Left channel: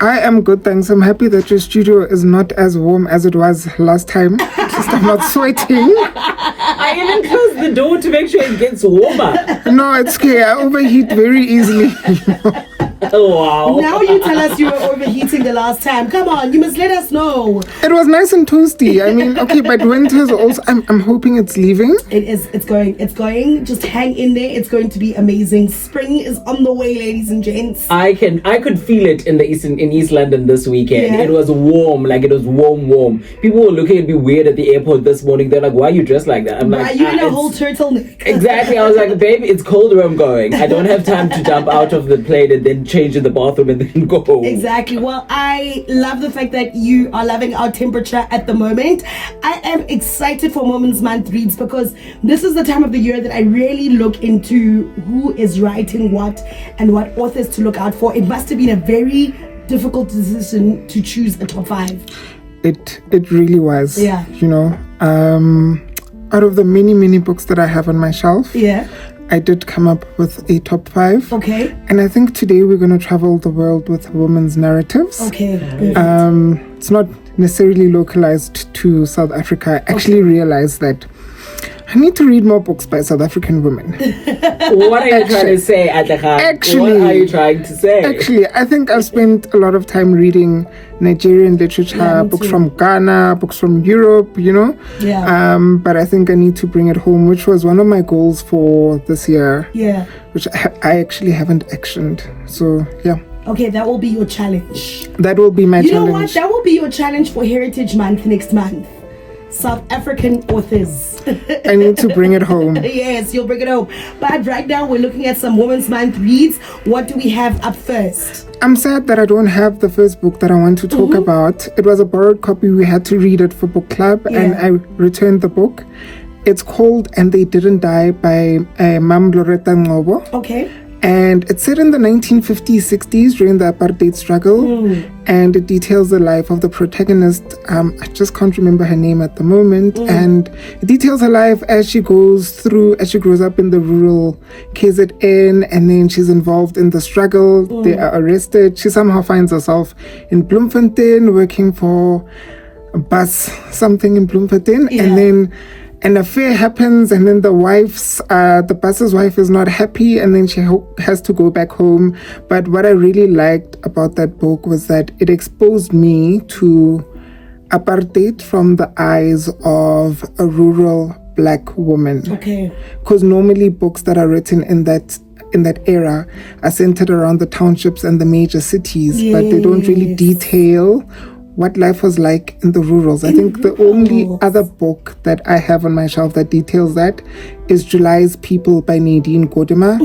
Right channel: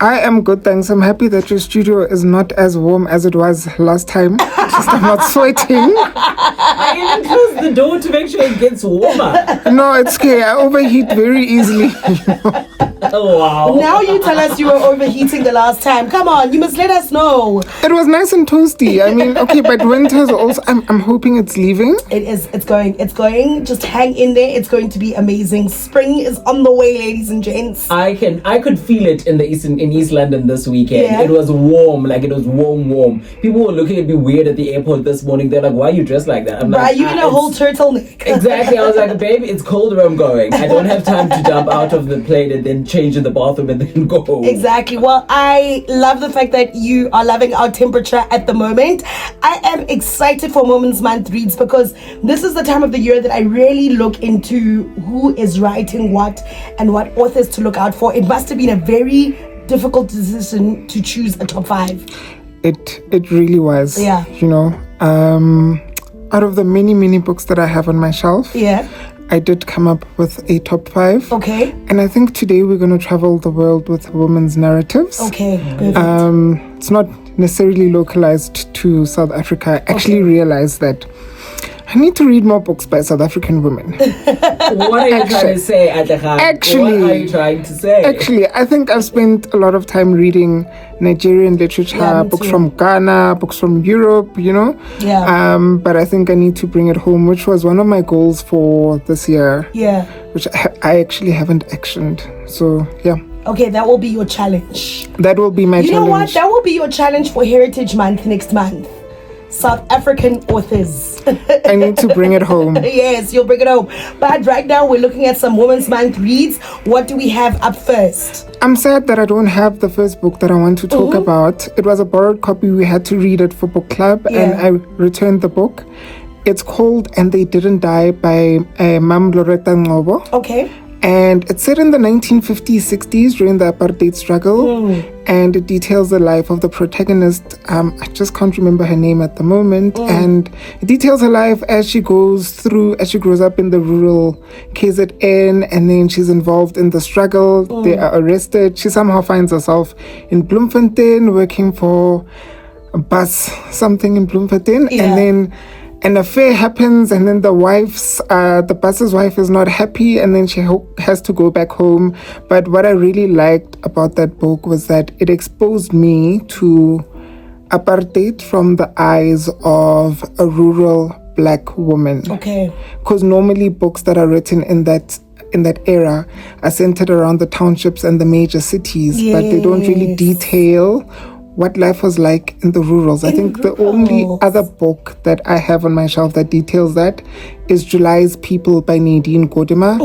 I am good, thanks. I'm happy that your studio is not as warm as it was last time. Just I'm not sweating. I even close the door to make sure it gets warmer. No, it's okay. I overheat very easily. Oh, wow. Now you tell us you were overheating the last time. Come on, you must let us know. It was nice and toasty. I mean, okay, but winter's also. I'm hoping it's leaving. It is. It's going. Just hang in there. It's going to be amazing. Spring is on the way, ladies and gents. I could feel it in East London this weekend. Yeah. It was warm, like it was warm. People were looking at me weird at the airport this morning. They're like, "Why are you dressed like that?" I'm Why like, are you in a whole turtleneck? Exactly. I was like, "Baby, it's cold where I'm going. I don't have time to jump out of the plane and then change in the bathroom and then go home." Exactly. Well, I love the fact that you are loving our temperature at the moment. I am excited for Women's Month reads because this is the time of the year that I really look into who is writing what and what authors to look out for. It must have been a very difficult decision to choose a top 5. It really was. Yeah. You know, out of the many books that I have on my shelf, Yeah. I did come up with a top 5. Okay. And I think today we're going to travel the world with women's narratives. Okay. Perfect. It's not necessarily localized to South Africa. I actually realized that I need to read more books by South African women. What are you trying to say, Athi? Actually, what are you trying to say? Actually, I think I've spent a lot of time reading Nigerian literature, Yeah, me books too. from Ghana, books from Europe, you know. Yeah. But I think I need to bring it home, which was one of my goals for this year, Yeah. which I actually haven't actioned. So, yeah, Okay, that will be your challenge. that will be my You know what? challenge. That will be your challenge for Heritage Month next month. South African authors. I need to bring it home. Yes, you'll bring it home. But right now we're looking at some Women's Month reads. What do we have up first? I'm sad that I don't have the first book that I want to talk about. It was a borrowed copy. We had to read it for book club, and I returned the book. It's called "And They Didn't Die" by Mam Loretta Ngobo. Okay. And it's set in the 1950s, 60s during the apartheid struggle. And it details the life of the protagonist. I just can't remember her name at the moment. And it details her life as she grows up in the rural KZN. And then she's involved in the struggle. They are arrested. She somehow finds herself in Bloemfontein working for a bus, something in Bloemfontein. Yeah. And then an affair happens, and then the bus's wife is not happy, and then she has to go back home. But what I really liked about that book was that it exposed me to apartheid from the eyes of a rural black woman. Okay. Because normally books that are written in that era are centered around the townships and the major cities, but they don't really detail what life was like in the rurals. I think the only other book that I have on my shelf that details that is July's People by Nadine Gordimer.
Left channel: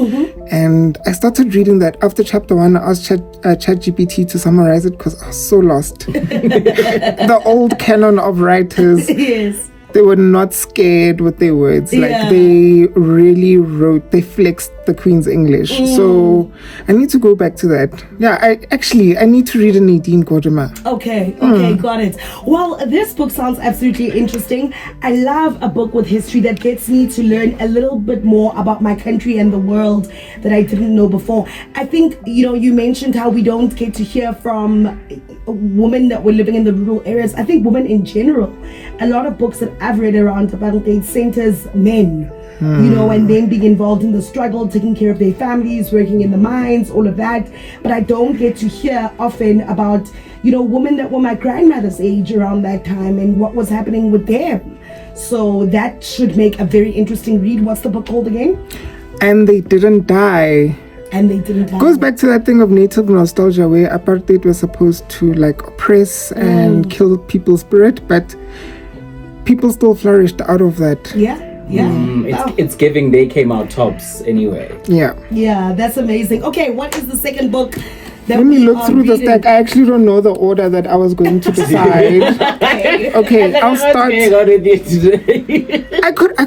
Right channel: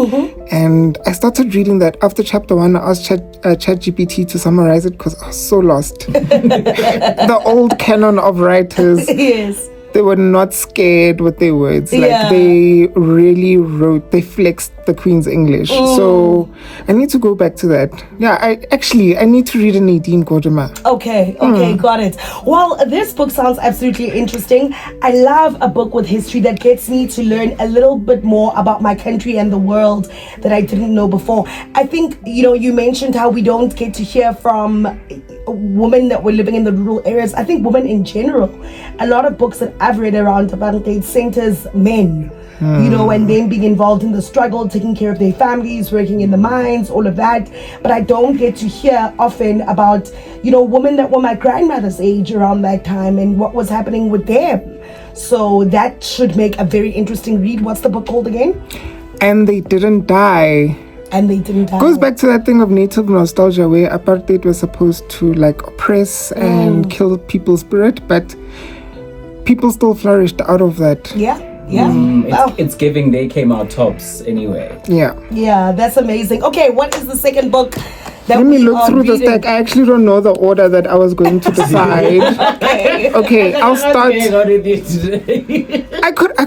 And I started reading that. After chapter 1, I asked ChatGPT to summarize it because I was so lost. The old canon of writers. Yes. They were not scared with their words. Like, Yeah. they really they flexed the Queen's English. So I need to go back to that. Yeah, I need to read a Nadine Gordimer. Okay, got it. Well, this book sounds absolutely interesting. I love a book with history that gets me to learn a little bit more about my country and the world that I didn't know before. I think, you mentioned how we don't get to hear from women that were living in the rural areas. I think women in general, a lot of books that I've read around apartheid centers men, and them being involved in the struggle, taking care of their families, working in the mines, all of that. But I don't get to hear often about, women that were my grandmother's age around that time and what was happening with them. So that should make a very interesting read. What's the book called again? And They Didn't Die. And They Didn't Die. Goes back to that thing of native nostalgia where apartheid was supposed to oppress and kill people's spirit, but people still flourished out of that. Yeah. It's giving they came out tops anyway. Yeah, that's amazing. Okay, what is the second book that let me we look are through the reading? stack. I actually don't know the order that I was going to decide. Okay, I'll start. I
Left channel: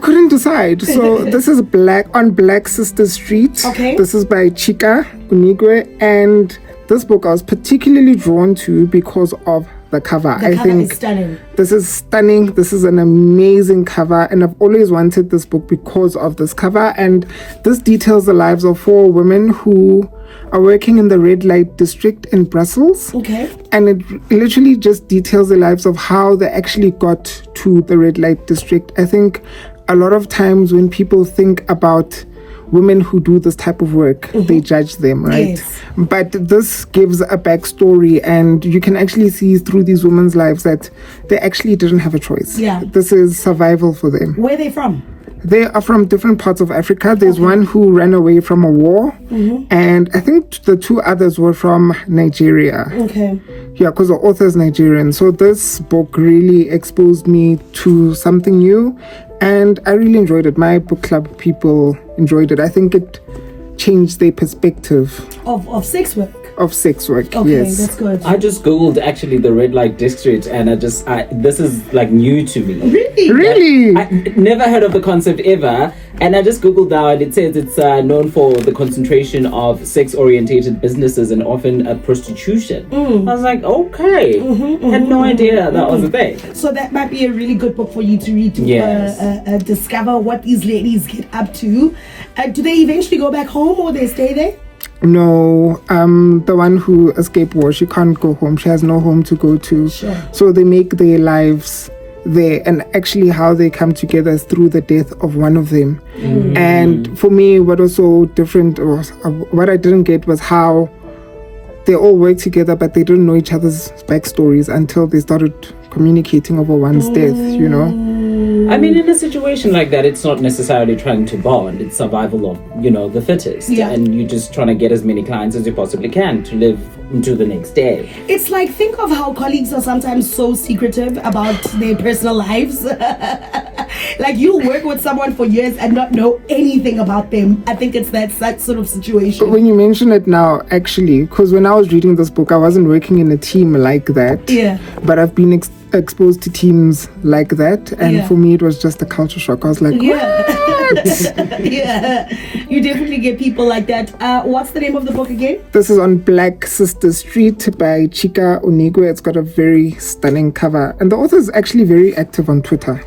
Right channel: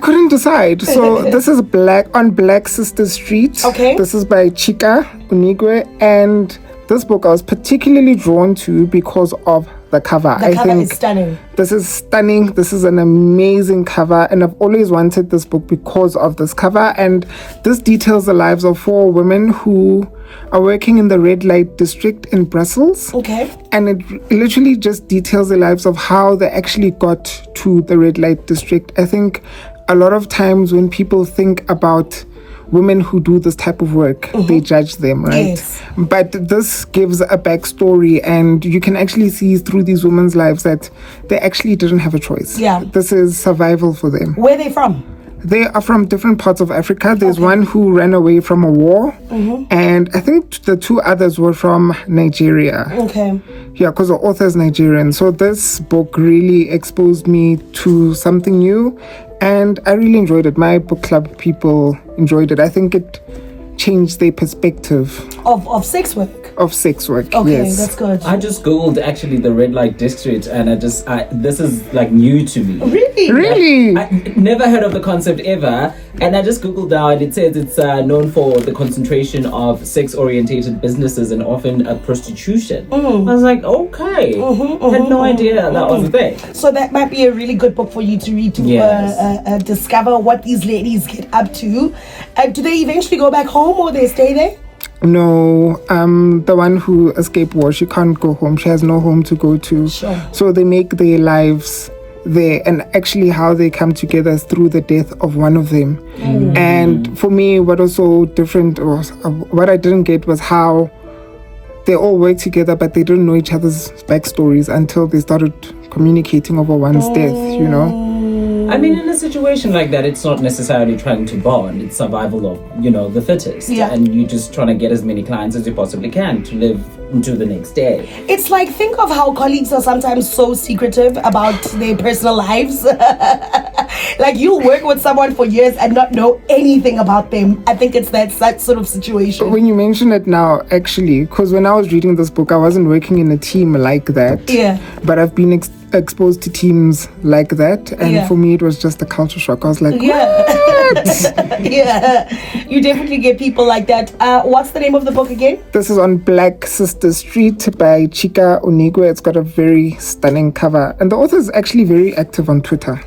couldn't decide. So this is Black Sister Street. Okay. This is by Chika Unigwe, and this book I was particularly drawn to because of the cover. The cover is stunning. This is stunning. This is an amazing cover, and I've always wanted this book because of this cover. And this details the lives of 4 women who are working in the red light district in Brussels. Okay. And it literally just details the lives of how they actually got to the red light district. I think a lot of times when people think about women who do this type of work, they judge them, right? Yes. But this gives a backstory, and you can actually see through these women's lives that they actually didn't have a choice. Yeah. This is survival for them. Where are they from? They are from different parts of Africa. There's one who ran away from a war, and I think the two others were from Nigeria. Okay. Yeah, because the author is Nigerian. So this book really exposed me to something new, and I really enjoyed it. My book club people enjoyed it. I think it changed their perspective Of sex work. of sex work. Okay, Yes. that's good. I just googled actually the red light district, and this is like new to me. Really? Really? I never heard of the concept ever, and I just googled now, and it says it's known for the concentration of sex-orientated businesses and often prostitution. I was like, okay, had no idea that was a thing. So that might be a really good book for you to read to Yes. discover what these ladies get up to. Do they eventually go back home or they stay there? No, the one who escaped war, she can't go home. She has no home to go to. Sure. So they make their lives there, and actually how they come together is through the death of one of them. And for me, what was so different, or what I didn't get, was how they all worked together, but they didn't know each other's backstories until they started communicating over one's death, you know? I mean, in a situation like that, it's not necessarily trying to bond. It's survival of, the fittest. Yeah. And you're just trying to get as many clients as you possibly can to live into the next day. It's like, think of how colleagues are sometimes so secretive about their personal lives. Like, you work with someone for years and not know anything about them. I think it's that sort of situation. When you mention it now, actually, because when I was reading this book, I wasn't working in a team like that. Yeah. But I've been exposed to teams like that, and for me it was just a culture shock. I was like, Yeah. Yeah. You definitely get people like that. What's the name of the book again? This is on Black Sister Street by Chika Onigwe. It's got a very stunning cover, and the author is actually very active on Twitter.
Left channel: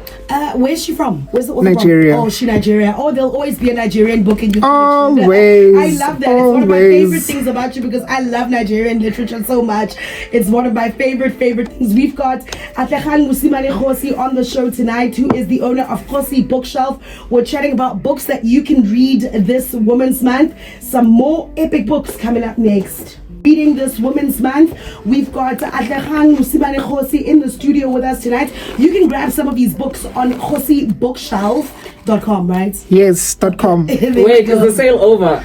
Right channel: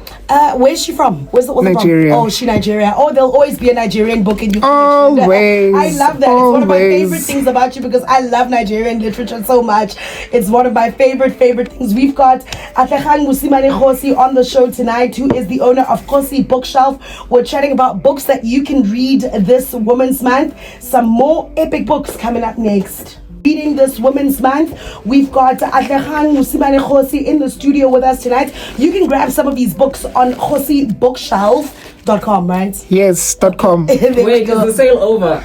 Where's she from? Where's the author Nigeria. from? Oh, she Nigeria. Oh, there'll always be a Nigerian book in you. Always. I love that. It's one of my Always. favorite things about you, because I love Nigerian literature so much. It's one of my favorite things. We've got Athi Khosi on the show tonight, who is the owner of Khosi Bookshelf. We're chatting about books that you can read this Women's Month. Some more epic books coming up next. Reading this Women's Month, we've got Athi Khosi in the studio with us tonight. You can grab some of these books on khosibookshelf.com, right? Yes, .com. There we Wait, go. is the sale over?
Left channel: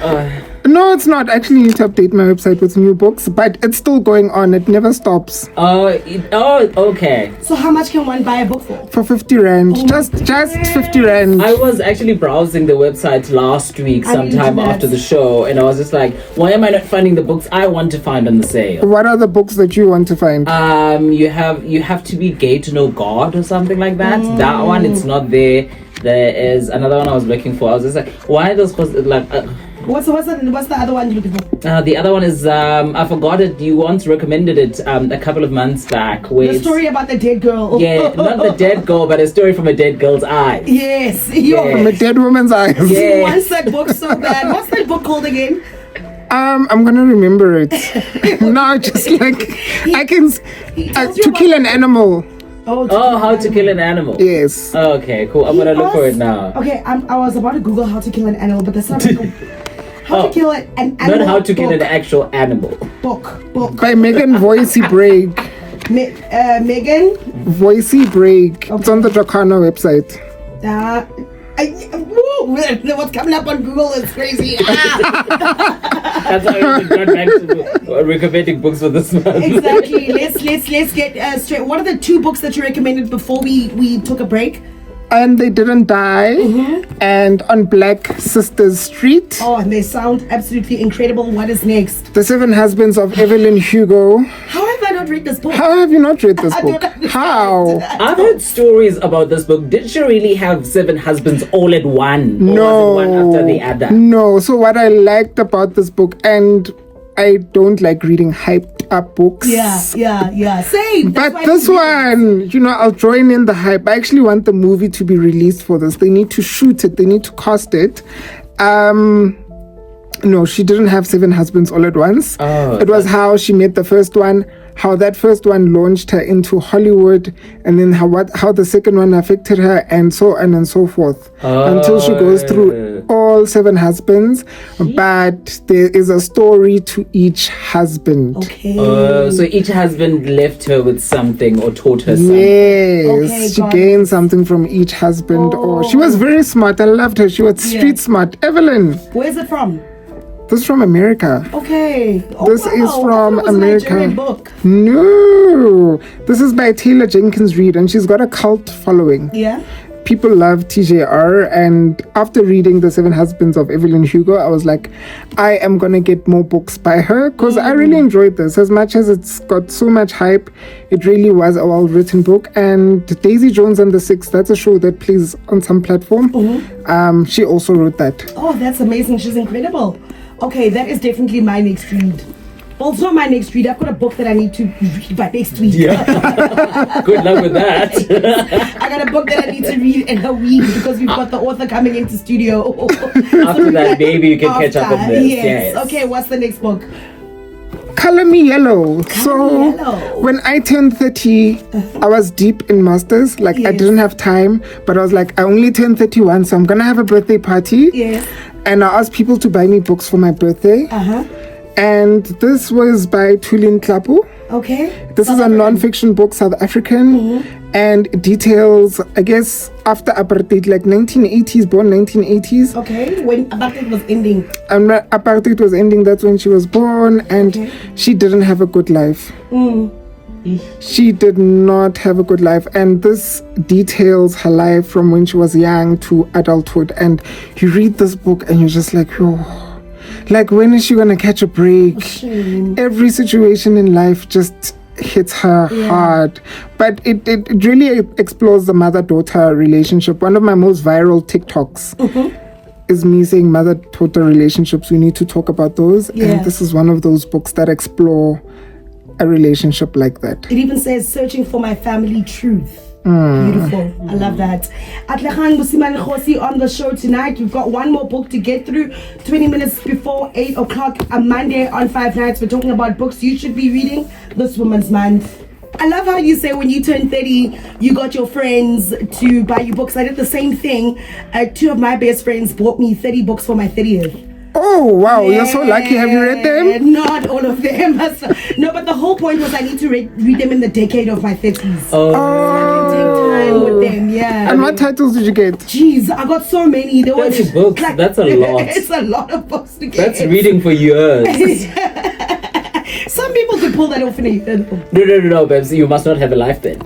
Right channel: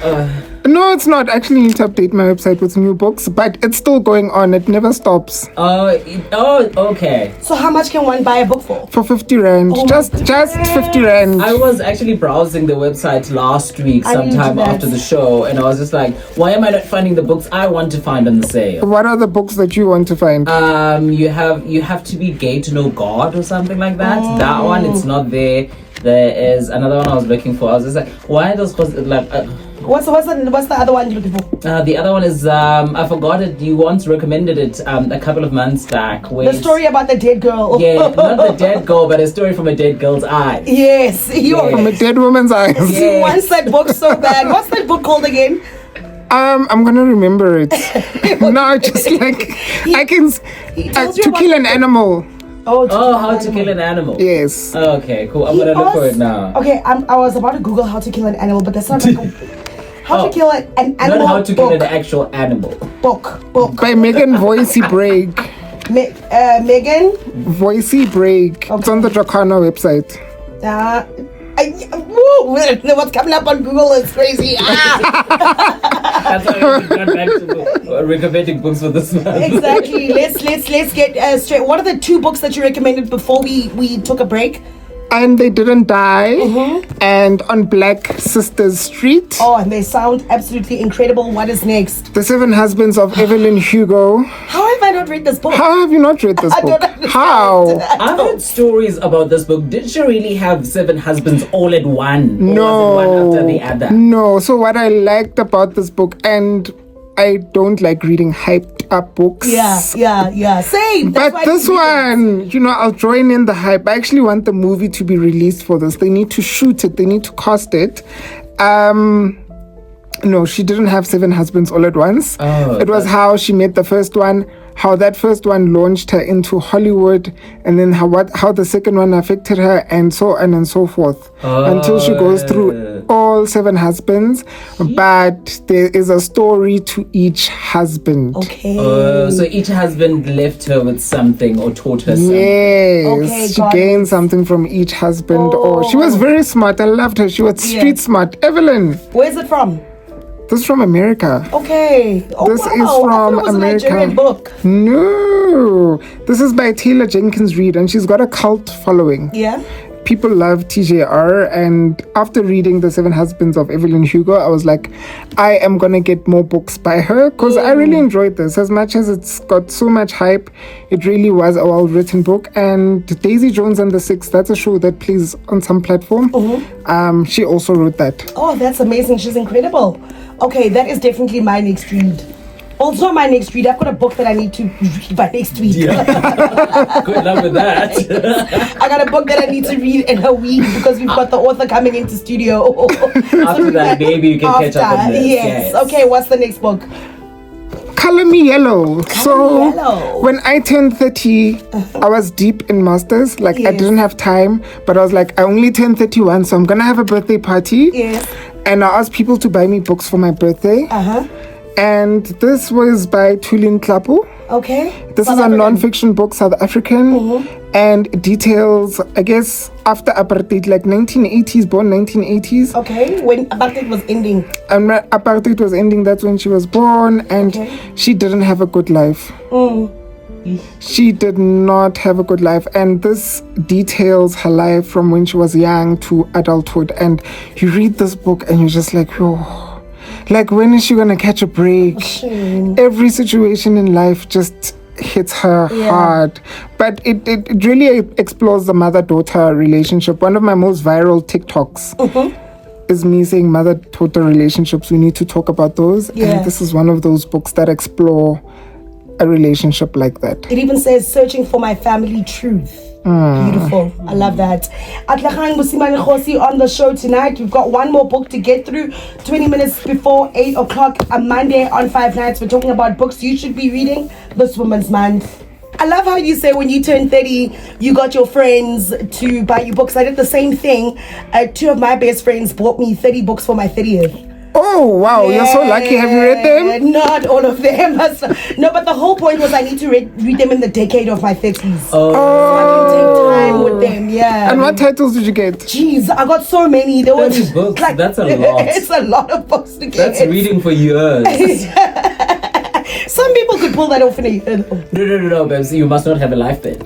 No, it's not. I actually need to update my website with new books, but it's still going on. It never stops. Okay. So how much can one buy a book for? For 50 Rand. Just 50 Rand. I was actually browsing the website last week, sometime internet. after the show, and I was just like, why am I not finding the books I want to find on the sale? What are the books that you want to find? You have to be gay to know God or something like that. That one, it's not there. There is another one I was looking for. I was just like, why does What's the other one you're looking for? the other one is I forgot it. You once recommended it a couple of months back. The story about the dead girl. Yeah, not the dead girl, but a story from a dead girl's eyes. Yes. From a dead woman's eyes. Yeah. He wants that book so bad. What's that book called again? I'm gonna remember it. No, just like I can tells you to about kill an animal. Oh, how to kill an animal. Yes. Okay, cool. I'm gonna look for it now. Okay, I was about to Google how to kill an animal, but that's not how to kill an animal. Not how to kill an book. actual animal. Book. By Megan Voicey Break. Megan. Voicey Break. It's on the Jacana website. What's coming up on Google is crazy. That's how we got back to recommending books for this month. Exactly. Let's get straight. What are the two books that you recommended before we took a break? And They Didn't Die, and On Black Sisters Street. Oh, and they sound absolutely incredible. What is next? The Seven Husbands of Evelyn Hugo. How have I not read this book? How have you not read this I book? don't understand. How? I've heard stories about this book. Did she really have 7 husbands all at one? Or No. was it one after the other? No. So what I liked about this book, and I don't like reading hyped up books. Yeah. Same. That's But why this one, I'll join in the hype. I actually want the movie to be released for this. They need to shoot it. They need to cast it. No, she didn't have 7 husbands all at once. Oh, it was how she met the first one, how that first one launched her into Hollywood, and then how the second one affected her, and so on and so forth, until she goes through all 7 husbands. But there is a story to each husband. Okay. So each husband left her with something or taught her something. Yes, Okay, she got gained something from each husband. Or she was very smart. I loved her. She was street smart. Evelyn. Where's it from? This is from America. Okay. Oh, This wow. is from I thought it was America. A Nigerian book. No, this is by Taylor Jenkins Reid, and she's got a cult following. Yeah. People love TJR, and after reading The 7 Husbands of Evelyn Hugo, I was like, I am gonna get more books by her, because I really enjoyed this. As much as it's got so much hype, it really was a well-written book. And Daisy Jones and the Six, that's a show that plays on some platform. She also wrote that. Oh, that's amazing. She's incredible. Okay, that is definitely my next read. Also, my next read, I've got a book that I need to read by next week. Yeah. Good luck with that. I got a book that I need to read in a week because we've got the author coming into studio. After that, maybe you can catch up with this. Yes. Okay, what's the next book? Color Me Yellow. Yellow. When I turned 30, I was deep in masters. Like, I Yes. didn't have time, but I was like, I only turned 31, so I'm gonna have a birthday party. Yes. And I asked people to buy me books for my birthday. And this was by Tulin Klapu. Okay. This is a non-fiction book, South African, and it details, I guess, after apartheid, like 1980s, born 1980s. Okay, when apartheid was ending. And when apartheid was ending, that's when she was born, and she didn't have a good life. She did not have a good life, and this details her life from when she was young to adulthood. And you read this book and you're just like, oh, like, when is she gonna catch a break? Every situation in life just hits her hard. But it really explores the mother-daughter relationship. One of my most viral TikToks is me saying mother-daughter relationships. We need to talk about those. And this is one of those books that explore a relationship like that. It even says searching for my family truth. Beautiful. I love that. Atlagang Busimane Khosi on the show tonight. We've got one more book to get through. 20 minutes before 8 o'clock, a Monday on 5 Nights. We're talking about books you should be reading this Women's Month. I love how you say when you turn 30, you got your friends to buy you books. I did the same thing. 2 of my best friends bought me 30 books for my 30th. Oh, wow. You're so lucky. Have you read them? Not all of them. No, but the whole point was I need to read them in the decade of my 30s. Oh. So I can take time with them, yeah. And what titles did you get? Jeez, I got so many. There were 30 books, that's a lot. It's a lot of books to get. That's reading for years. Some people could pull that off in a year. No, babes. You must not have a life then.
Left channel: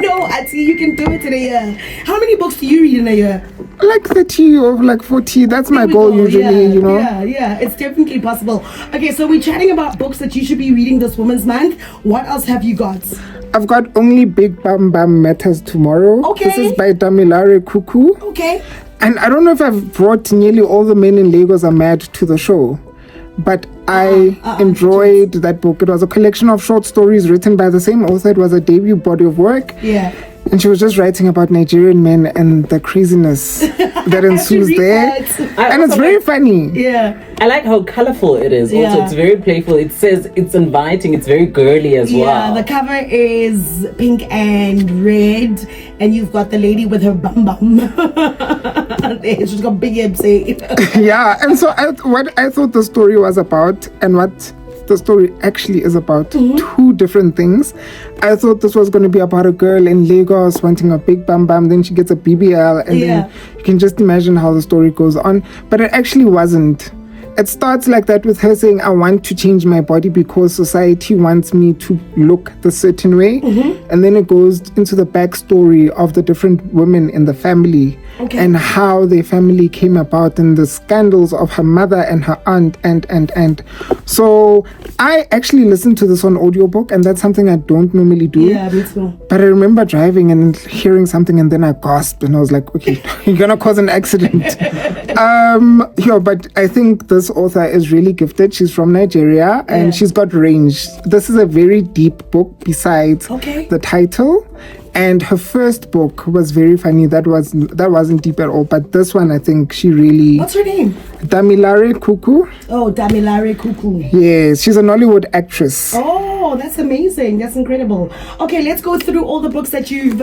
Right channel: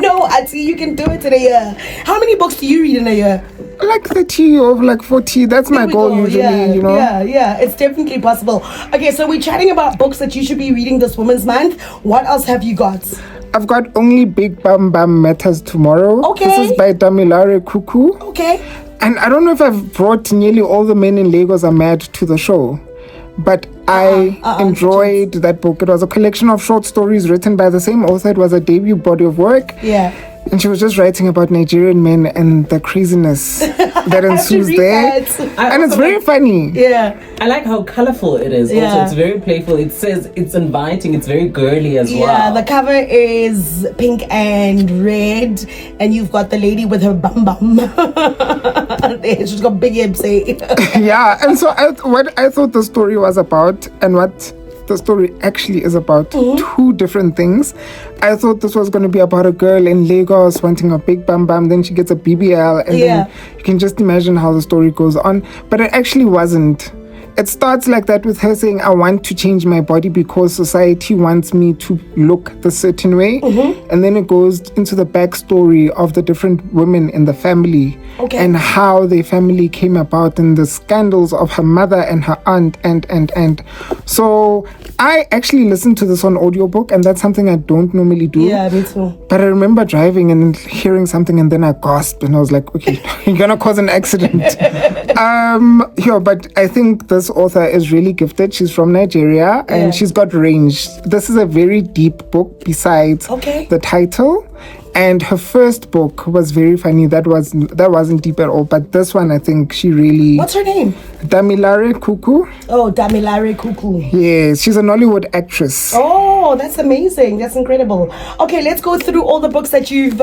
No, Athi, you can do it in a year. How many books do you read in a year? Like 30 or like 40. That's my goal usually, you know. Yeah, it's definitely possible. Okay, so we're chatting about books that you should be reading this Women's Month. What else have you got? I've got Only Big Bam Bam Matters Tomorrow. Okay. This is by Damilare Kuku. Okay. And I don't know if I've brought Nearly All the Men in Lagos Are Mad to the show, but I enjoyed that book. It was a collection of short stories written by the same author. It was a debut body of work. Yeah. And she was just writing about Nigerian men and the craziness that ensues there. And it's very funny. Yeah. I like how colorful it is. Also, it's very playful. It says it's inviting. It's very girly as well. Yeah, the cover is pink and red, and you've got the lady with her bum bum. She's got big hips. Yeah, and so what I thought the story was about and what the story actually is about, two different things. I thought this was going to be about a girl in Lagos wanting a big bam bam, then she gets a BBL, and then you can just imagine how the story goes on. But it actually wasn't. It starts like that with her saying, I want to change my body because society wants me to look the certain way. And then it goes into the backstory of the different women in the family and how their family came about and the scandals of her mother and her aunt and. So I actually listened to this on audiobook, and that's something I don't normally do. Yeah, me too. But I remember driving and hearing something, and then I gasped and I was like, okay, you're gonna cause an accident. But I think this author is really gifted. She's from Nigeria and she's got range. This is a very deep book besides the title. And her first book was very funny. That wasn't deep at all. But this one, I think she really... What's her name? Damilare Kuku. Oh, Damilare Kuku. Yes, she's a Nollywood actress. Oh, that's amazing. That's incredible. Okay, let's go through all the books that you've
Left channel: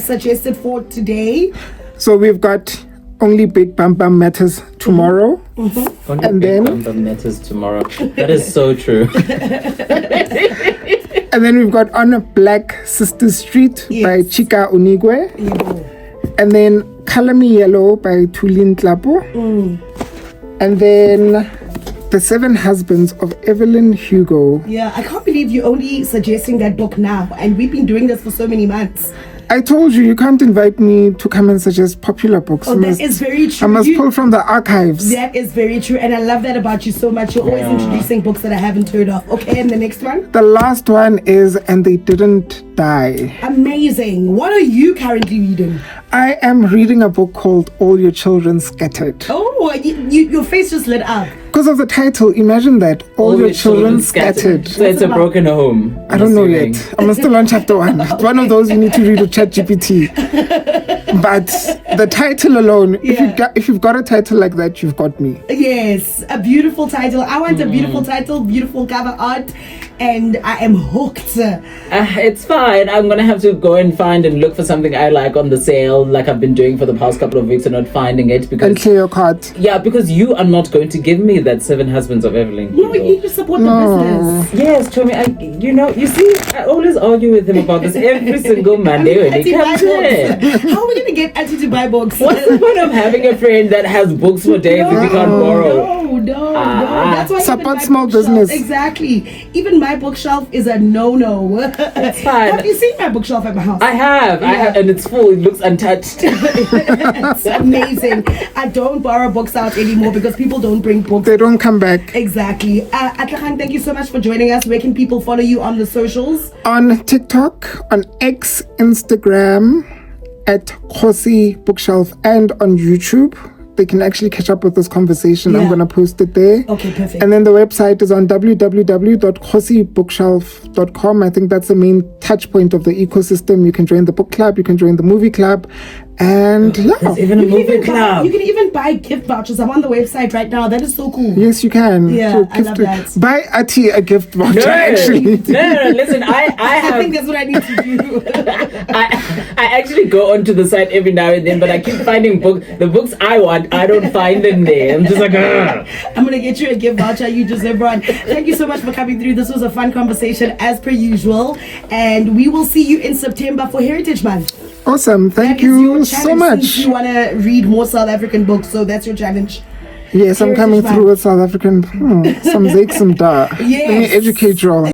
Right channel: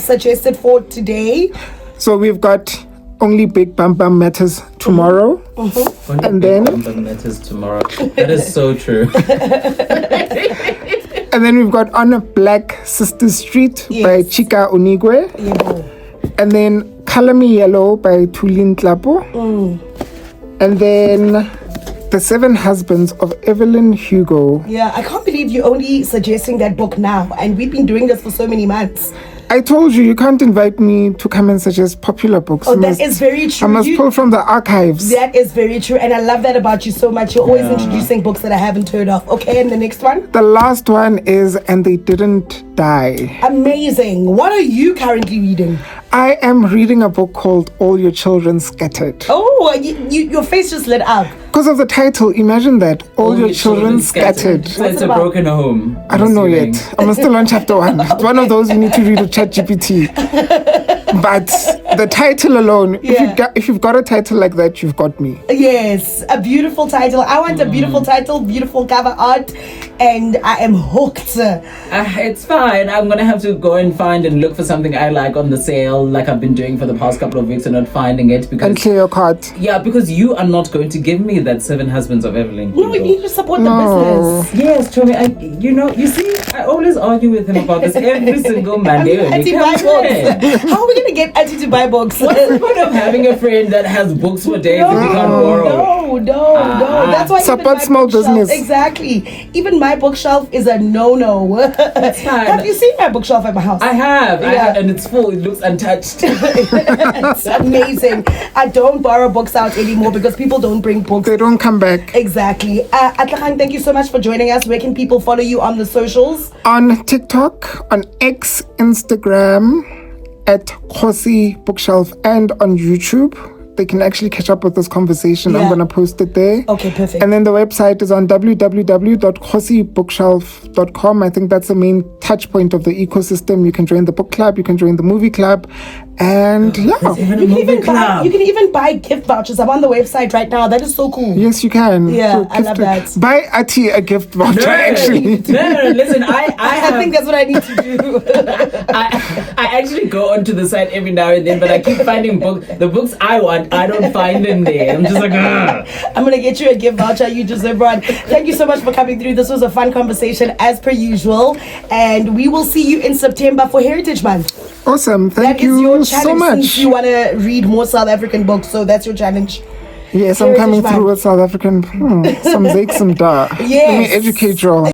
suggested for today. So we've got Only Big Bam Bam Matters Tomorrow. Mm-hmm. Only And Big then- Bam Bam Matters Tomorrow. That is so true. And then we've got On a Black Sister Street by Yes. Chika Onigwe. Yeah. And then Color Me Yellow by Tulin Tlapo. And then The Seven Husbands of Evelyn Hugo. Yeah, I can't believe you're only suggesting that book now, and we've been doing this for so many months. I told you can't invite me to come and suggest popular books. Oh, that is very true. I must pull from the archives. That is very true, and I love that about you so much. You're always introducing books that I haven't heard of. Okay, and the next one? The last one is And They Didn't Die. Amazing. What are you currently reading? I am reading a book called All Your Children Scattered. Oh, your face just lit up. Because of the title, imagine that. All Your Children Scattered. So it's a about? broken home. I don't know yet. I'm still on chapter 1. It's one of those you need to read with ChatGPT. But the title alone, if you've got a title like that, you've got me. Yes, a beautiful title. I want a beautiful title, beautiful cover art, and I am hooked. It's fine. I'm gonna have to go and find and look for something I like on the sale, like I've been doing for the past couple of weeks, and not finding it And because clear your card. because you are not going to give me that Seven Husbands of Evelyn. No, you Hugo. need to support the business. Yes, Tommy. You see, I always argue with him about this every single Monday when he Auntie, buy comes in. books. How are we going to get Auntie to buy books? What's the point of having a friend that has books for days if you can't borrow? No. That's why Support even my small bookshelf- business. Exactly. Even my bookshelf is a no-no. That's fine. Have you seen my bookshelf at my house? I have, and it's full. It looks untouched. It's amazing. I don't borrow books out anymore because people don't bring books. They don't come back. Exactly. Atlakhan, thank you so much for joining us. Where can people follow you on the socials? On TikTok, on X, Instagram, at Khosi Bookshelf, and on YouTube. They can actually catch up with this conversation. I'm Yeah. going to post it there. Okay, perfect. And then the website is on www.khosibookshelf.com. I think that's the main touch point of the ecosystem. You can join the book club, you can join the movie club, and Even a movie club. You can even buy gift vouchers. I'm on the website right now. That is so cool. yes, you can. Yeah, So I love that. Buy Athi a gift voucher, actually. No, listen, I I think have. that's what I need to do. I actually go onto the site every now and then, but I keep finding the books I want. I don't find them there. I'm just like, ugh. I'm going to get you a gift voucher. You deserve one. Thank you so much for coming through. This was a fun conversation as per usual. And we will see you in September for Heritage Month. Awesome. Thank That is your you challenge so much. since you want to read more South African books. So that's your challenge. Yes, I'm Heritage coming Month. through with South African. Some Zake, some da. Yes. Let me educate you all.